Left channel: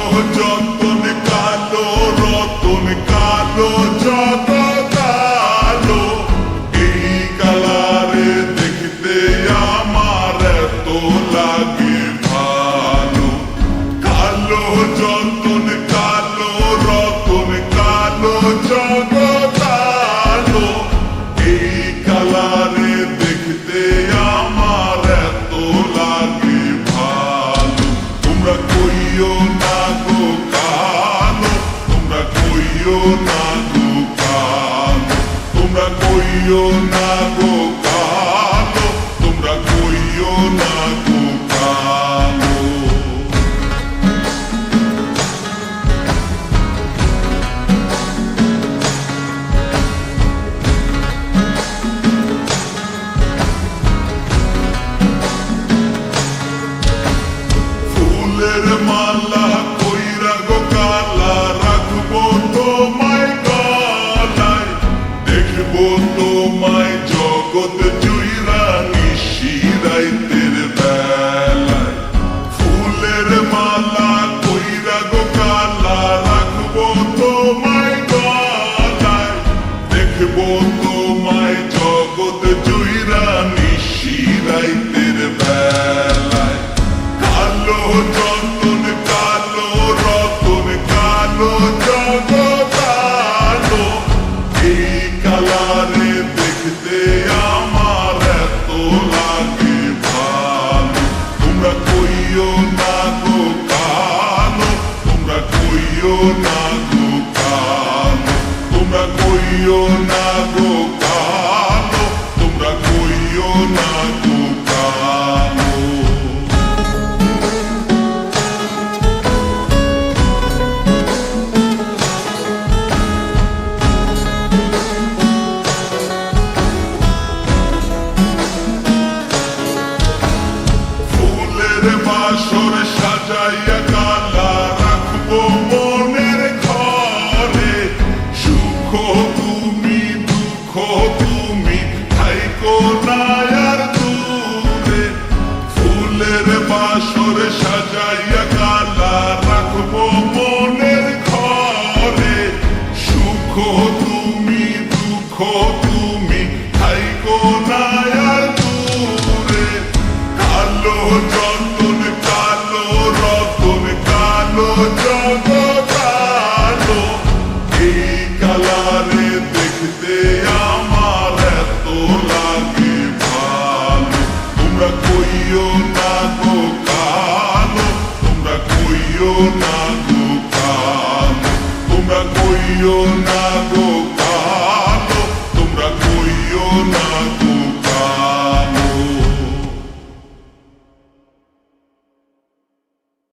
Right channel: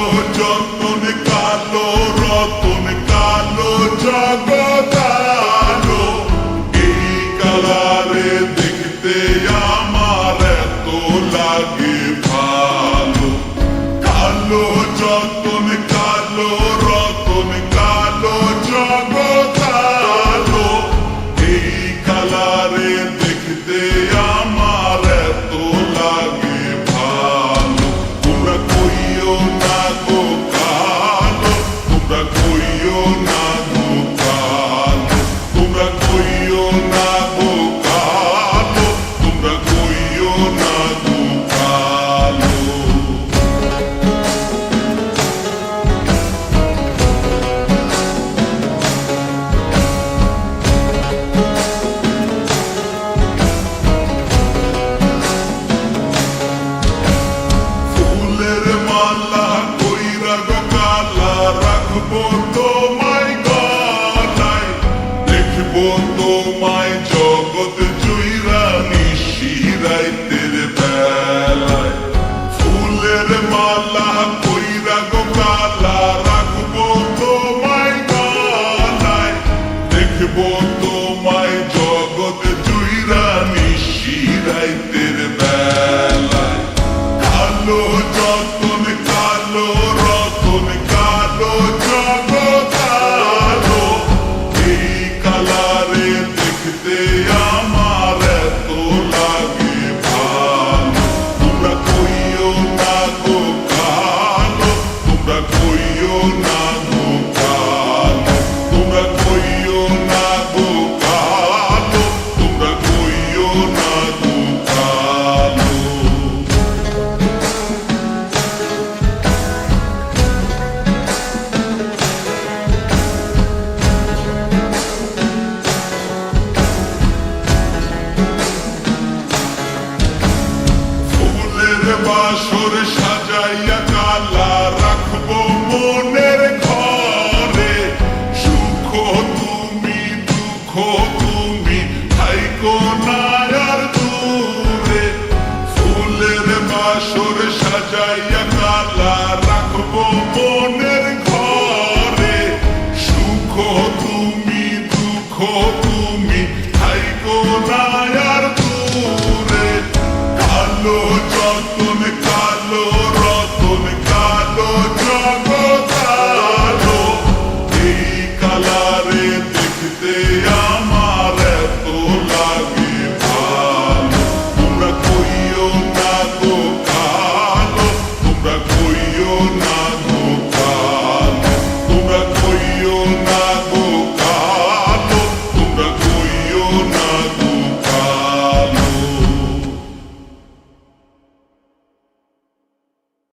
কালো যতন কালো রতন কালো জগৎ আলো, এই কালারে দেখতে আমার এত লাগে ভালো। কালো যতন কালো রতন কালো জগৎ আলো, এই কালারে দেখতে আমার এত লাগে ভালো। তোমরা কইও না গো কালো, তোমরা কইও না গো কালো, তোমরা কইও না গো কালো, তোমরা কইও না গো কালো। ফুলের মালা কইরা গো কালা রাখবো তোমায় গলায়, দেখবো তোমায় জগৎ জুইরা নিশি রাইতের বেলায়। ফুলের মালা কইরা গো কালা রাখবো তোমায় গলায়, দেখবো তোমায় জগৎ জুইরা নিশি রাইতের বেলায়। কালো যতন কালো রতন কালো জগৎ আলো, এই কালারে দেখতে আমার এত লাগে ভালো। তোমরা কইও না গো কালো, তোমরা কইও না গো কালো, তোমরা কইও না গো কালো, তোমরা কইও না গো কালো। ফুলের বাসর সাজাইয়া কালা রাখবো মনের ঘরে, সুখ তুমি দুঃখ তুমি থাইকো না আর দূরে। ফুলের বাসর সাজাইয়া কালা রাখবো মনের ঘরে, সুখ তুমি দুঃখ তুমি থাইকো না আর দূরে। কালো যতন কালো রতন কালো জগৎ আলো, এই কালারে দেখতে আমার এত লাগে ভালো। তোমরা কইও না গো কালো, তোমরা কইও না গো কালো, তোমরা কইও না গো